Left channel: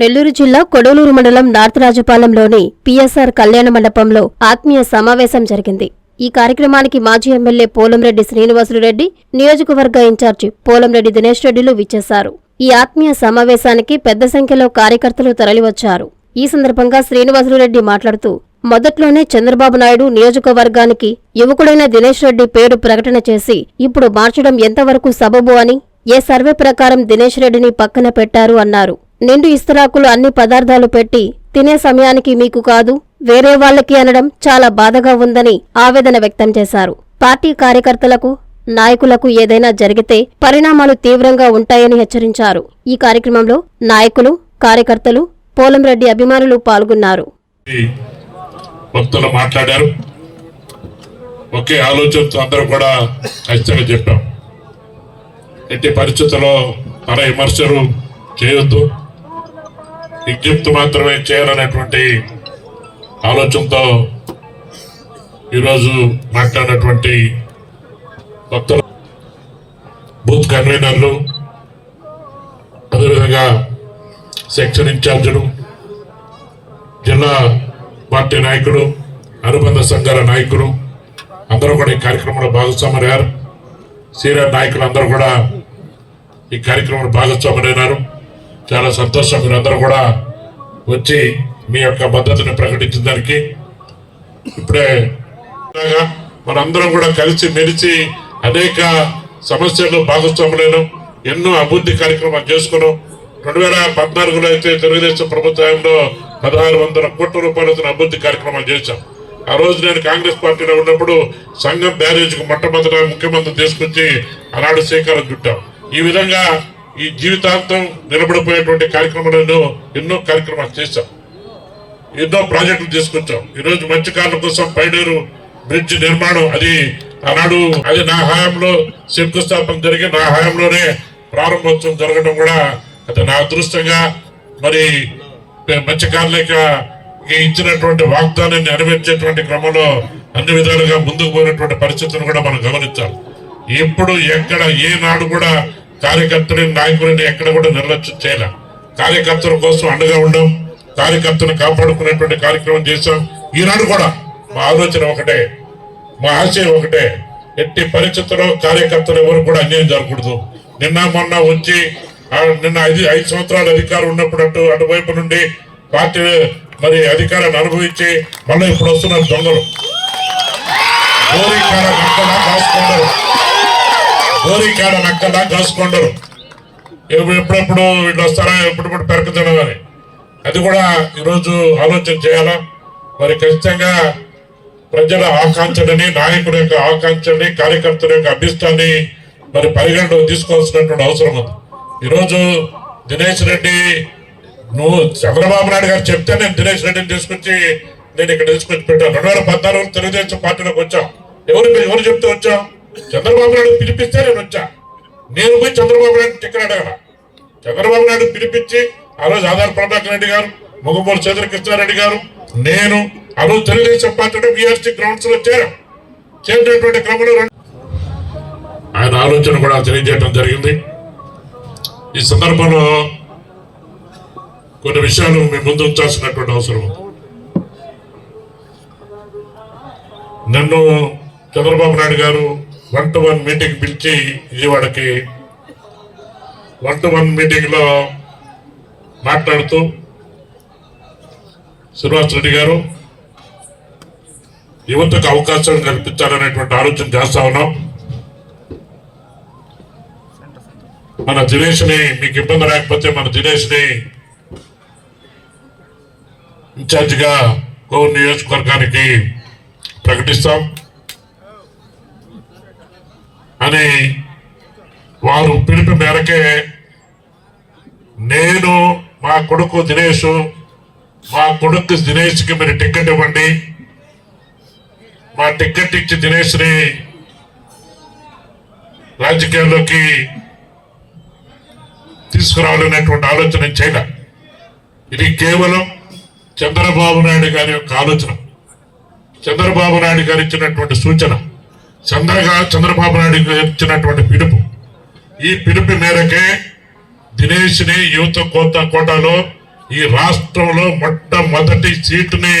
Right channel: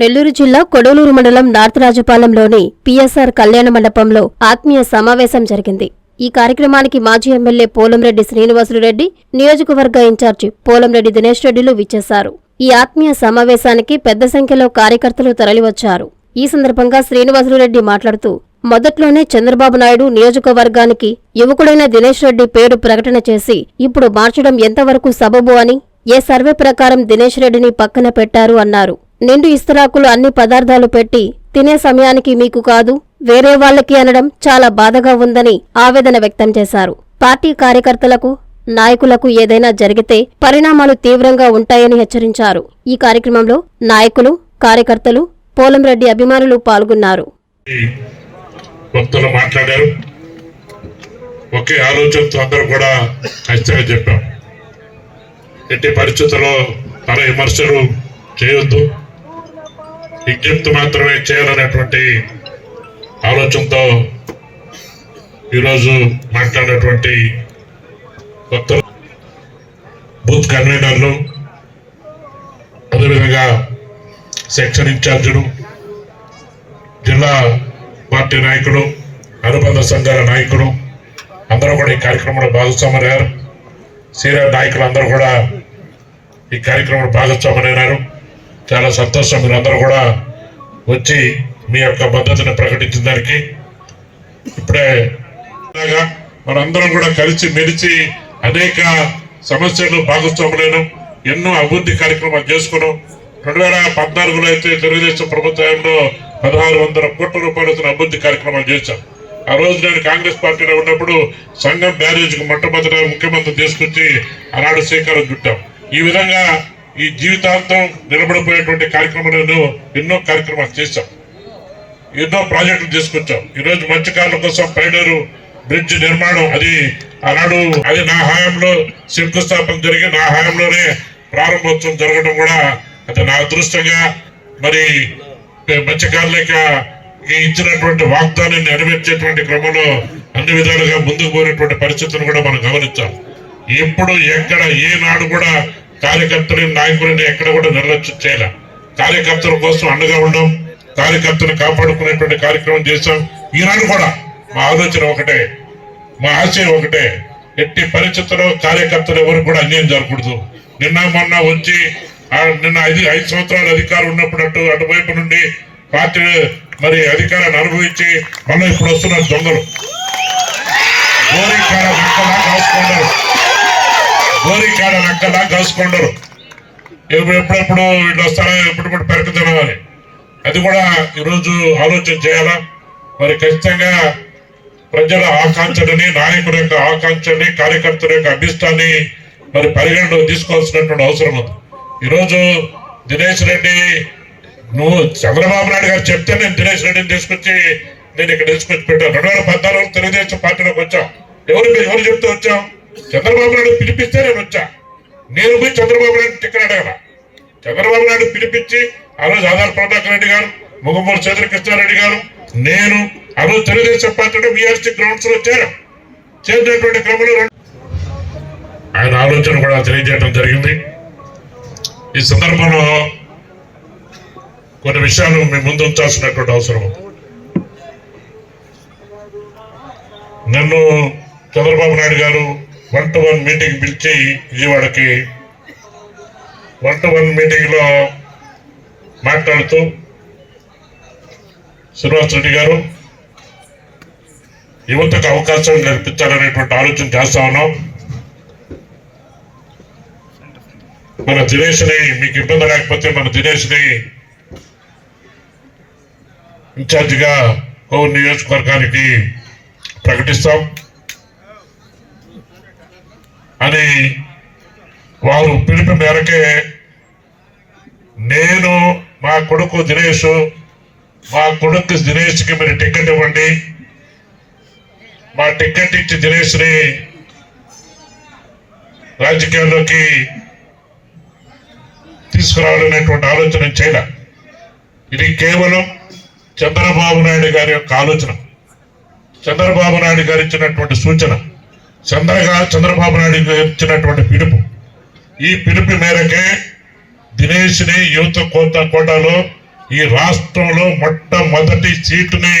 నెల్లూరు జిల్లా కొడలూరు మండలం north రాజపాలెంలోని PSR కళ్యాణ మండపంలో ఆత్మీయ సమావేశం జరిగింది. ఈ కార్యక్రమానికి మాజీ ఎమ్మెల్యే పోలంరెడ్డి శ్రీనివాసులు రెడ్డి నియోజకవర్గ ఇన్ఛార్జి పోలంరెడ్డి దినేష్ రెడ్డిలు విచ్చేశారు. ఈ ఆత్మీయ సమావేశానికి పెద్ద సంఖ్యలో కార్యకర్తలు తరలివచ్చారు. ఈ సందర్భంగా శ్రీనివాసులు రెడ్డి మాట్లాడుతూ మొదట్లోనే చంద్రబాబు నాయుడు నియోజకవర్గానికి యువకుడైన దినేష్ రెడ్డి పేరు ప్రకటన చేసి ఇప్పుడు మార్చడం ఎంతవరకు సబబు అని ఏ సర్వే ప్రకారం దినేష్ రెడ్డిని పక్కన పెట్టారు అన్నారు. నిండు ఇస్తరాకులు అన్ని పదార్థాలు పెట్టి తినే సమయానికి మీకు కాదు వేరే వాళ్ళకి అనడం చాలా బాధగా ఉందని ఆవేదన వ్యక్తం చేశారు. పార్టీ కార్యకర్తలకు నాయకులకు ఏదైనా జరిగితే పరిణామాలు తీవ్రంగా ఉంటాయని హెచ్చరించారు. ఈ కార్యక్రమంలో నాయకులు కార్యకర్తలు పోలంరెడ్డి అభిమానులు పాల్గొన్నారు. భక్తులు మాట్లాడారు. ఒకే ఆలోచనతో అందరూ కూడా ఖచ్చితంగా చెప్పాం. ఎట్టి పరిస్థితుల్లో విమర్శలు చేయొద్దు. విజ్ఞప్తి మాత్రమే చేయాలనేటువంటి ఆలోచనతో ఈరోజు మాట్లాడినటువంటి భక్తులు బూత్ కన్వీనర్లు అదేవిధంగా సెక్షన్ ఇన్ఛార్జీలు జిల్లా పార్టీ నాయకులు అనుబంధ సంఘాల నాయకులు అందరూ కూడా ఈ కార్యక్రమంలో భాగస్వామయ్యారు సీనియర్ నాయకులు అందరూ కూడా ఈ కార్యక్రమంలో భాగస్వామయ్యారు చాలా సంతోషం. మీరందరూ కూడా వచ్చి మీ యొక్క మద్దతును ప్రకటించిన దానికి ఇప్పుడే మనందరం కూడా కలిసి మెలిసి అనేక సమస్యలు భాగస్వాములను ఎన్నో అభివృద్ధి కార్యక్రమాలు చేసుకున్నాం. రెండు వేల పద్నాలుగులో అయితే తెలుగుదేశం ప్రభుత్వంలో పదహారు వందల కోట్ల రూపాయలతో అభివృద్ధి కార్యక్రమాలు చేశాం. ఆ రోజు నేను కాంగ్రెస్ పార్టీలో ఉన్నప్పుడు సంఘం బ్యారేజ్కు మొట్టమొదట ముఖ్యమంత్రి తీసుకొచ్చి ఆనాడు శ్రీకారం చుట్టాం. ఈ విధంగా ఈ జీవితాంతం నిలబడిపోయేటువంటి కార్యక్రమాలను ఎన్నో కార్యక్రమాలు చేశాం. ఎన్నో ప్రాజెక్టులు తీసుకొచ్చాం. ఈ రోజు మత్స్యకారుల కోసం పైడూరు బ్రిడ్జ్ నిర్మాణం అది ఆనాడు అది నా హయాంలో శంకుస్థాపన జరిగి నా హయాంలోనే ప్రారంభోత్సవం జరగడం కూడా అది నా అదృష్టంగా మరి మత్స్యకారులకి ఇచ్చినటువంటి వాగ్దానాన్ని నెరవేర్చేటువంటి క్రమంలో అన్ని విధాలుగా ముందుకు పోయినటువంటి పరిస్థితులను కూడా మనం గమనించాం. ఎప్పుడు ఎక్కడ ఏ నాడు కూడా కార్యకర్తలు నాయకులని ఎక్కడ కూడా నిర్లక్ష్యం చేయలే. కార్యకర్తల కోసం అండగా ఉండడం కార్యకర్తను కాపాడుకునేటువంటి కార్యక్రమం చేశాం. ఈనాడు కూడా మా ఆలోచన ఒకటే మా ఆశయం ఒకటే ఎట్టి పరిస్థితుల్లో కార్యకర్తలు ఎవరు కూడా అన్యాయం జరగకూడదు. నిన్న మొన్న వచ్చి నిన్న ఐదు ఐదు సంవత్సరాలు అధికారం ఉన్నప్పుడు అటు అటువైపు నుండి పార్టీ మరి అధికారాన్ని అనుభవించి మళ్ళీ ఇప్పుడు వస్తున్నారు దొంగలు. గోరికాడ హోలీ కాడ నక్కలా కాసుకుంటారు ఎప్పుడప్పుడు వీళ్ళు వస్తారా ఎప్పుడప్పుడు పెరకుతారు అని అది కూడా ఈరోజు ఆలోచన చేయాలా? మరి ఖచ్చితంగా ప్రజల ఆకాంక్షలని నాయకుడి యొక్క ఆకాంక్షని కార్యకర్తల యొక్క అభిష్టాన్ని మరి పరిగణలో తీసుకోవాల్సినటువంటి అవసరం ఉంది. ఈరోజు దినేష్ రెడ్డి నువ్వు చంద్రబాబు నాయుడు గారు చెప్తే నేను దినేష్ రెడ్డిని తీసుకొచ్చి నేను ఇక్కడ తీసుకొచ్చి పెట్టాను. రెండు వేల పద్నాలుగు తెలుగుదేశం పార్టీలోకి వచ్చాం. ఎవరు ఎవరు చెప్తూ వచ్చాం? చంద్రబాబు నాయుడు పిలిపిస్తే నేను వచ్చా. నేను పోయి చంద్రబాబు నాయుడు టిక్కెట్ అడగల చంద్రబాబు నాయుడు పిలిపించి ఆ రోజు ఆధార్ ప్రభాకర్ రెడ్డి గారు ముగమూరు చంద్ర కృష్ణారెడ్డి గారు నేను ఆ రోజు తెలుగుదేశం పార్టీ బీఆర్సీ గ్రౌండ్స్లో చేరాం. చేరినటువంటి క్రమంలో ఆయన ఆలోచన కూడా తెలియజేయడం జరిగింది. ఈ సందర్భంలో కొన్ని విషయాలు మేము ముందుంచాల్సినటువంటి అవసరం ఉంది. నన్ను చంద్రబాబు నాయుడు గారు వన్ టు వన్ మీటింగ్ పిలిచి విజయవాడకి వన్ టు వన్ మీటింగ్లో మాట్లాడుతూ శ్రీనివాస్ రెడ్డి గారు యువతకు అవకాశం కల్పించాలనేటువంటి ఆలోచన చేస్తా ఉన్నాం. మన దినేష్ని మీకు ఇబ్బంది లేకపోతే మన దినేష్ని ఇన్ఛార్జిగా కోవూరు నియోజకవర్గానికి ప్రకటిస్తాం. అని వారు పిలుపు మేరకే నేను మా కొడుకు దినేష్ మా కొడుకు దినేష్కి మీరు టికెట్ ఇవ్వండి. మా టికెట్ ఇచ్చి దినేష్ని రాజకీయాల్లోకి తీసుకురావాలనేటువంటి ఆలోచన చేయలే ఇది కేవలం చంద్రబాబు నాయుడు గారి యొక్క ఆలోచన. చంద్రబాబు నాయుడు గారు ఇచ్చినటువంటి సూచన. చంద్రగా చంద్రబాబు నాయుడు ఇచ్చినటువంటి పిలుపు. ఈ పిలుపు మేరకే దినేష్ని యువత కోత కోటాలో ఈ రాష్ట్రంలో మొట్టమొదటి సీటుని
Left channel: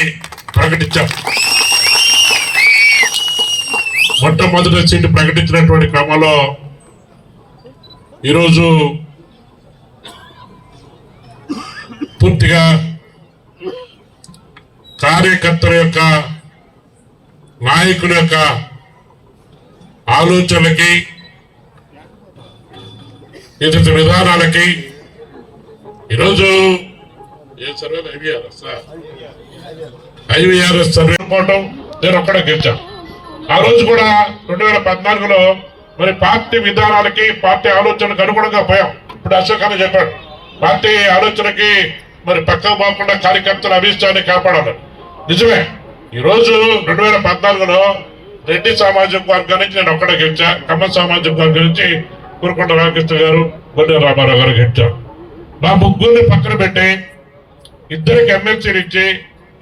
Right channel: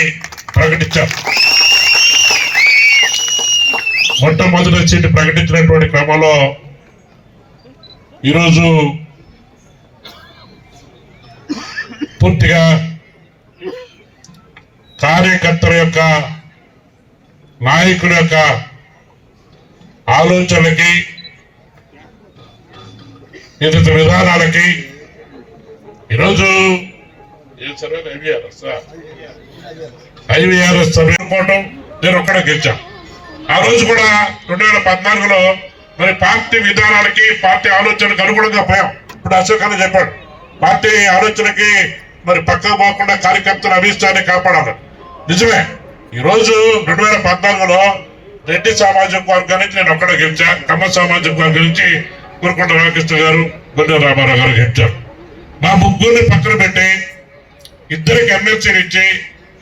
ప్రకటించాం మొట్టమొదటి సీటు ప్రకటించినటువంటి క్రమంలో ఈరోజు పూర్తిగా కార్యకర్తల యొక్క నాయకుల యొక్క ఆలోచనలకి వివిధ విధానాలకి ఈరోజు ఐవీఆర్ఎస్ సర్వే నేను ఒక్కడ గెలిచాను. ఆ రోజు కూడా రెండు వేల పద్నాలుగులో మరి పార్టీ విధానాలకి పార్టీ ఆలోచనకు అనుగుణంగా పోయాం. ఇప్పుడు అశోక్ అని చెప్పాడు పార్టీ ఆలోచనకి మరి పక్కా పోకుండా కార్యకర్తల అభిష్టాన్ని కాపాడాలి నిజమే ఈరోజు రెండు వేల పద్నాలుగులో రెడ్డి సామాజిక వర్గం నుంచి నేను ఒక్కడ గెలిచా. కమ్మ సామాజిక వర్గం నుంచి కురుకొండ రామకృష్ణ గారు గొడ్డ రామారావు గారు గెలిచారు. మా ముగ్గురిని పక్కన పెట్టి ఇద్దరికి ఎమ్మెల్సీలు ఇచ్చి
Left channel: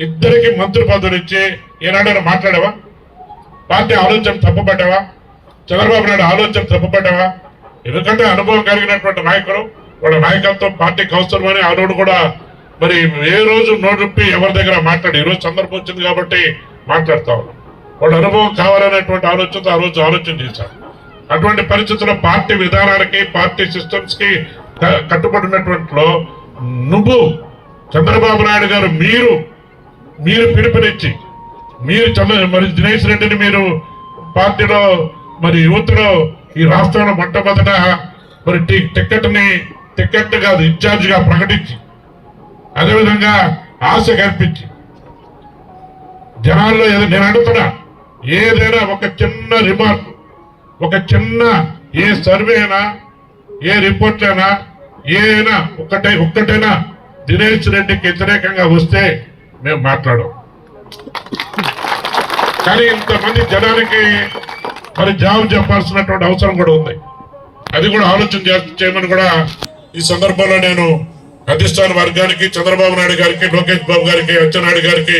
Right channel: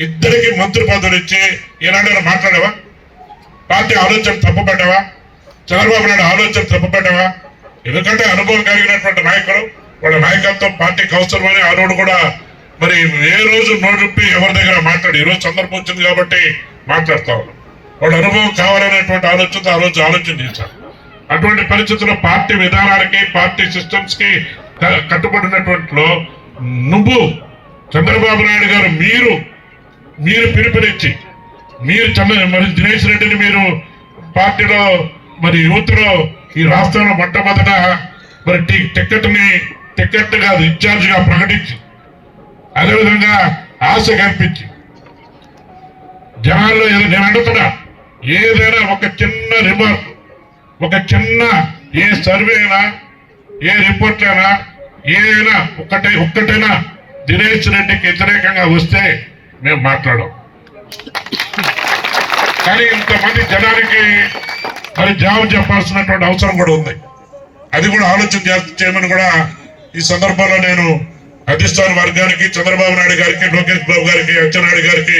ఇద్దరికి మంత్రి పదవులు ఇచ్చి ఏనాడైనా మాట్లాడావా? పార్టీ ఆలోచన తప్పబడ్డావా చంద్రబాబు నాయుడు ఆలోచన తప్పబడ్డావా ఎందుకంటే అనుభవం కలిగినటువంటి నాయకుడు వాళ్ళ నాయకత్వం పార్టీకి అవసరమని ఆ రోజు కూడా మరి ఏ రోజు నోటిప్పి ఎవరి దగ్గర మాట్లాడి? ఈ రోజు సందర్భం వచ్చింది కాబట్టి మాట్లాడతా ఉన్నాం. వాళ్ళ అనుభవం కావాలనేటువంటి ఆలోచనతో ఆ రోజు ఆలోచన చేశారు. అటువంటి పరిస్థితుల్లో పార్టీ విధానాలకి పార్టీ సిస్టమ్స్కి కట్టుబడినటువంటిలో నువ్వు చంద్రబాబు నాయుడు గారు మీరు మీరు పిలుపునిచ్చి మీరు చంద్ర మరి దినేష్ రెడ్డిని మీరు పార్టీలో మరి యువతలో ఈ రాష్ట్రంలో మొట్టమొదట మరి టి- టికెట్ కాదు ఇన్ఛార్జ్గా ప్రకటించి అదేవిధంగా ఆశ కల్పించి జనాల్లో ఏదో నేను అడుగుతున్నా ఏదైనా ఒక చిన్న రిమార్క్ ఒక చిన్న ఏ సర్వే అయినా ఏ రిపోర్ట్ అయినా ఏదైనా ఒక్కటే ఒక్కటైనా దినేష్ రెడ్డికి వ్యతిరేకంగా వస్తే మేము మాట్లాడం కానీ ఇంతమంది జనానికి మరి జాబ్ చెప్పాల్సినటువంటి అవసరం కూడా ఉంది. అది కూడా ఆలోచన చేయమని కూడా ఈ సందర్భంలో నేను అధిష్టాన వర్గానికి చంద్రబాబు నాయుడు గారికి లోకేష్ బాబు గారికి అచ్చెన్నాయుడు గారికి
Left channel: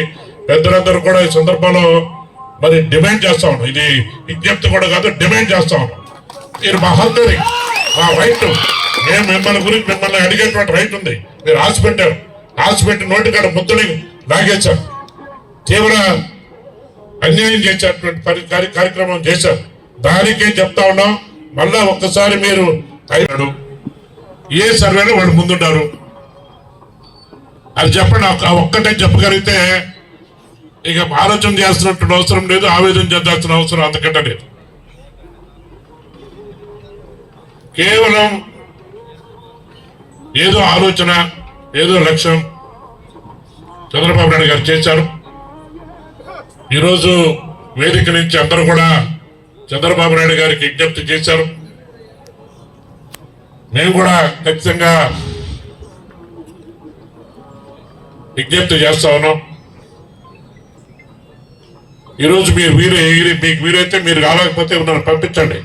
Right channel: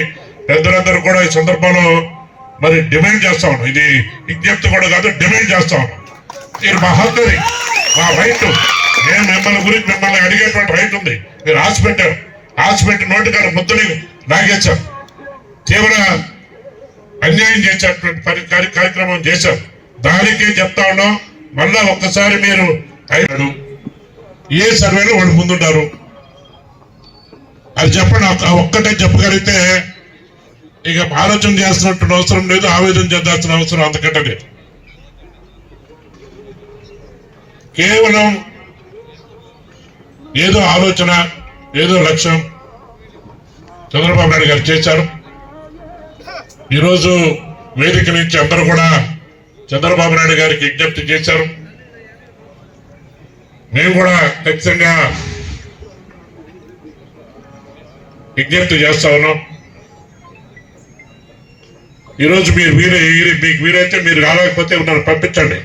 పెద్దలందరూ కూడా ఈ సందర్భంలో మరి డిమాండ్ చేస్తా ఉన్నాం. ఇది విజ్ఞప్తి కూడా కాదు డిమాండ్ చేస్తా ఉన్నాం. మీరు మా హక్కుని మా రైట్ నేను మిమ్మల్ని గురించి మిమ్మల్ని అడిగేటువంటి రైట్ ఉంది. మీరు ఆశ పెట్టారు. ఆశ పెట్టి నోటికాడ ముద్దని లాగేశారు. తీవ్ర అన్యాయం చేసేటువంటి కార్య- కార్యక్రమం చేశారు. దానికే చెప్తా ఉన్నాం. మళ్ళా ఒక్కసారి మీరు అయినాడు ఏ సర్వేలో వాళ్ళు ముందుంటారు అది చెప్పండి ఒక్కటే చెప్పగలిగితే ఇక ఆలోచన చేస్తున్నట్టు అవసరం లేదు ఆవేదన చెందాల్సిన అవసరం అంతకంటే లేదు. కేవలం ఏదో ఆలోచన ఏదో లక్ష్యం చంద్రబాబు నాయుడు గారు చేశారు. ఈరోజు వేదిక నుంచి అందరూ కూడా చంద్రబాబు నాయుడు గారికి విజ్ఞప్తి చేశారు. మేము కూడా ఖచ్చితంగా విజ్ఞప్తి చేస్తా ఉన్నాం. ఈరోజు మీరు వీరే మీకు వీరైతే మీరు రాలేకపోతే ఉన్నారు పంపించండి.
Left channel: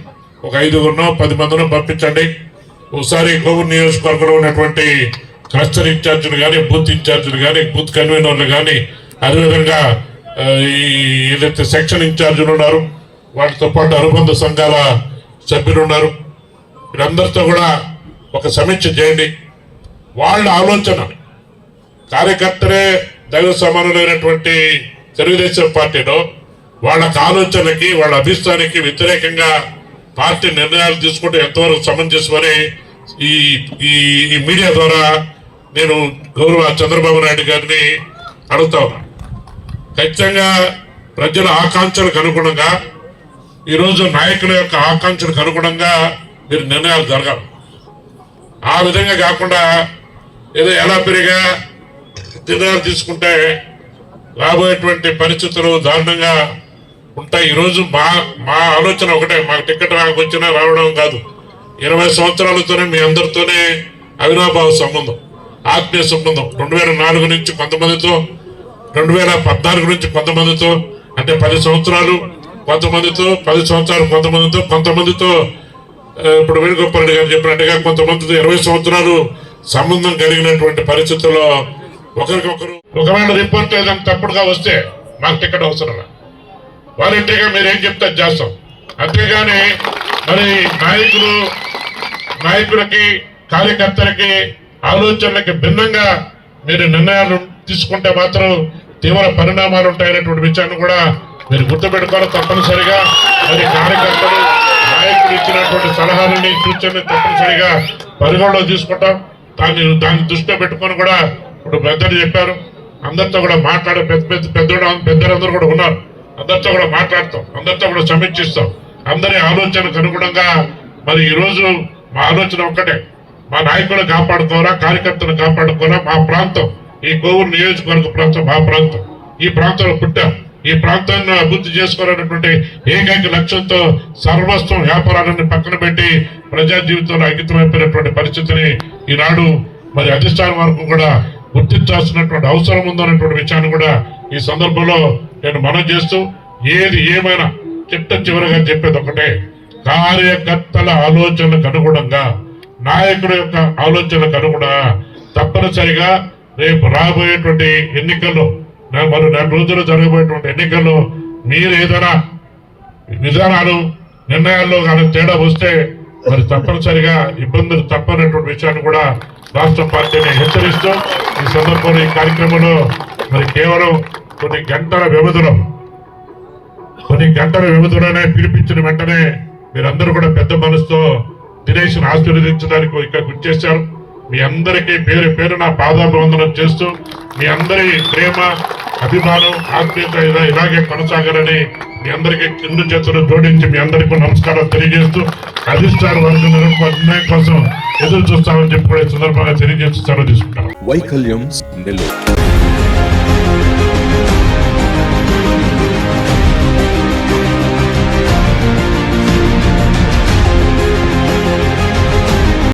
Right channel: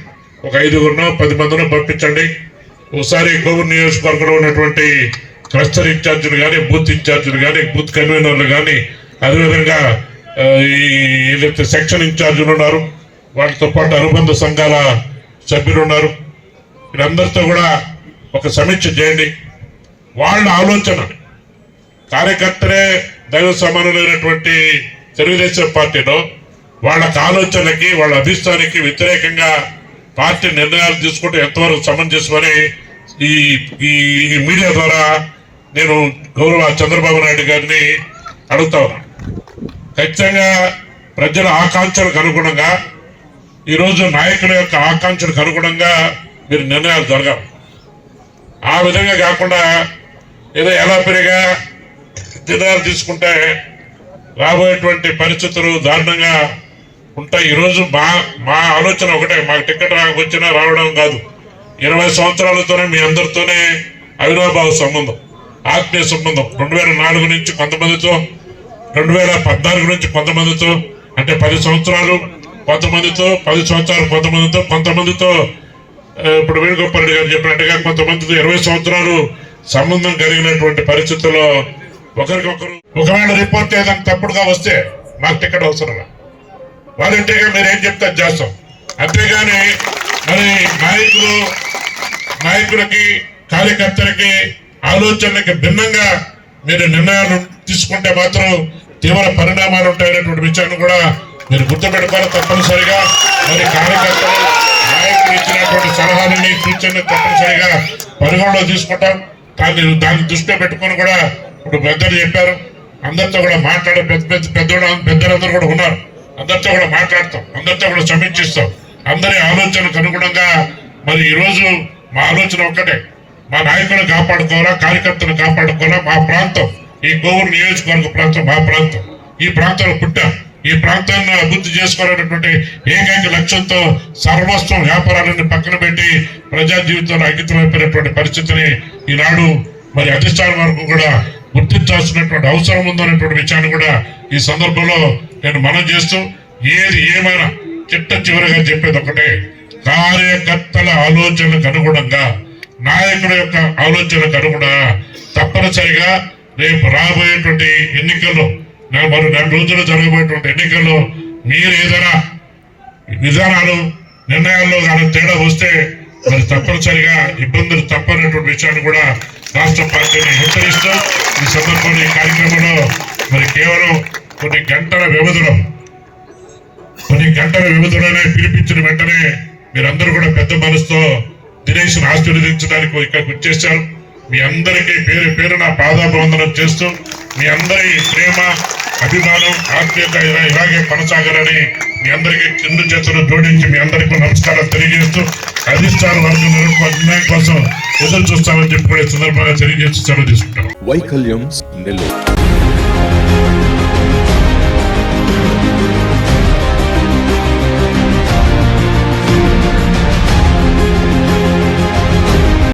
ఒక ఐదుగురునో పది మందినో పంపించండి. ఒకసారి కోవూరు నియోజకవర్గంలో ఉన్నటువంటి క్లస్టర్ ఇన్ఛార్జీలు కానీ బూత్ ఇన్ఛార్జీలు కానీ బూత్ కన్వీనర్లు కానీ అదేవిధంగా ఈ ఏదైతే సెక్షన్ ఇన్ఛార్జీలు ఉన్నారు వాటితో పాటు అనుబంధ సంఘాల సభ్యులు ఉన్నారు. వీరందరితో కూడా ఒక సమీక్ష చేయండి. వాళ్ళ ఆలోచన కార్యకర్తలే దైవ సమానులైనటువంటి తెలుగుదేశం పార్టీలో వాళ్ళ ఆలోచనలకి వాళ్ళ అభిష్టానికి వ్యతిరేకంగా పార్టీ నిర్ణయాలు తీసుకుంటే ఎంతవరకు సమంజసమని ఈ ఈ ఈ మీడియా ద్వారా నేను గౌరవ చంద్రబాబు నాయుడు గారిని అడుగుతా ఉన్నా. ఖచ్చితంగా ప్రజల ఆకాంక్షలకు అనుగుణంగా ఈరోజు నాయకుల యొక్క ఆకాంక్షలకు అనుగుణంగా మీరు నిర్ణయాలు జరగాలి. ఆ విధంగా కాకుండా ఏదో ఎలా పెరిగా నిర్ణయాలు తీసుకుంటే రాబోయేటువంటి పరిస్థితులు దారుణంగా ఉంటాయి ఈరోజు మా మా ఆలోచన ఒకటే మాకు టికెట్ రాకొచ్చినా రావడం కాదు. ఇరవై సంవత్సరాలతోనే మీ అందరితోనే అవినాభావ సంబంధం ఆత్మీయ సంబంధం. రెండు వేల నాలుగు నుంచి కొంతమందితో రెండు వేల పద్నాలుగు నుంచి కొంతమందితో అంటే పది సంవత్సరాలు కొంతమందితో పది సంవత్సరాలు కొంతమందితో కొంతమందితో ఇప్పుడు వేణుగోపాల్ గారు చెప్పినట్టుగా కొంతమందితో ఇరవై సంవత్సరాలు సంబంధం కలిగినటువంటి పరిస్థితుల్లో ఒకరికొకరు ఒకవేళ రిపోర్ట్ ఏదైనా తప్పుడుగా వస్తే నాకు టికెట్ అవసరం వాలంటీర్గా మీరు ఏం చెప్తే చేస్తాం. అంతేగాని మరి నాయకులు నాయకులకి కార్యకర్తలకి ఆలోచనలకి భిన్నంగా మీరు నిర్ణయాలు తీసుకుంటే మాత్రం తీవ్ర పరిణామాలు ఉంటాయనేటువంటి విషయాన్ని కూడా మీరు గుర్తుపెట్టుకోవాలి తప్పనిసరిగా. మరి కార్యకర్తలు నాయకులు ఇచ్చినటువంటి సలహాలని సూచనని తప్పనిసరిగా పరిగణలో తీసుకుంటాం. దాన్ని దాన్ని దృష్టిలో పెట్టుకొని కూడా ఇప్పుడు పెద్దలు చెప్పారు. అందరితో కూడా మాట్లాడే పెద్ద పెద్ద పెద్దలు పెద్దలందరూ కూడా ఉన్నారు. అందరితో కూడా మాట్లాడతాం. అందరితో కూడా సమీక్షిస్తాం. అందరి ఆలోచనకు అనుగుణంగా మరి ఈ రోజు మా ఆలోచన ఒక్కటే. మా నాయకులను కాపాడుకోరా కార్యకర్తలు కాపాడుకోరా మా ప్రాంతం. ఈ గోవూరు నియోజకవర్గ ప్రాంతం మా ప్రాంతం. ఈ ప్రాంతంలో పుట్టా ఈ ప్రాంతాన్ని అభివృద్ధి చేసుకోవాలనేటువంటి ఏకైక లక్ష్యంతో సర్వస్వం వ్యాపారాలను పక్కన పెట్టి ప్రజా జీవితంలో అంకితమైపోయినటువంటి పరిస్థితిని ఈనాడు మరి అధిష్టానం వరకు కూడా గుర్తించాల్సినటువంటి అవసరం ఉందనేటువంటి విషయాన్ని కూడా ఈ సందర్భంలో నేను మనం చేస్తూ ఏది ఏమైనా చిట్ట చివరిగా చెప్పేది ఒకటే కార్యకర్తల ఆలోచనలకు అనుగుణంగా నాయకుడి యొక్క ఆలోచనలకు అనుగుణంగా తప్పనిసరిగా రేపు రాబోయేటువంటి ఎన్నికల్లో నా- మరి నెల రోజులు జరగబోయేటువంటి ఎన్నికల్లో మీరు ఏదైనా విధానాలు నిర్ణయాల్లో కానీ తేడా వస్తే మరి తప్పనిసరిగా ఇబ్బందులు తప్పనటువంటి విషయాన్ని కూడా రాష్ట్ర పార్టీని హెచ్చరిస్తూ ఈ సందర్భంలో ఈ కార్యక్రమంలో మరి కేవలం కొన్ని గంటల వ్యవధిలో. కొన్ని గంటల వ్యవధిలోనే పిలిపించిన వెంటనే మీరందరూ కూడా పెద్ద మనసుతో దినేష్ ఆశీర్వదించడానికి ఇక్కడ వచ్చేసారు మీ అందరికీ పేరు పేరు నా పాదాభివందనం చేస్తూ మీ అందరి ప్రేమ అభిమానం ఆత్మీయత ఇలా ఇలాగే కొనసాగాలని మీ అందరికీ కింద చేతులు జోడించి మీ అందరికీ నమస్కారం తెలియజేస్తూ అధిష్టాన వర్గం నిర్ణయం కోసం ఎదురు చూస్తామని చెప్పుకునే సందర్భంగా తెలియజేస్తూ సెలవు తీసుకుంటాను వైకల్యం నెల్లూరు.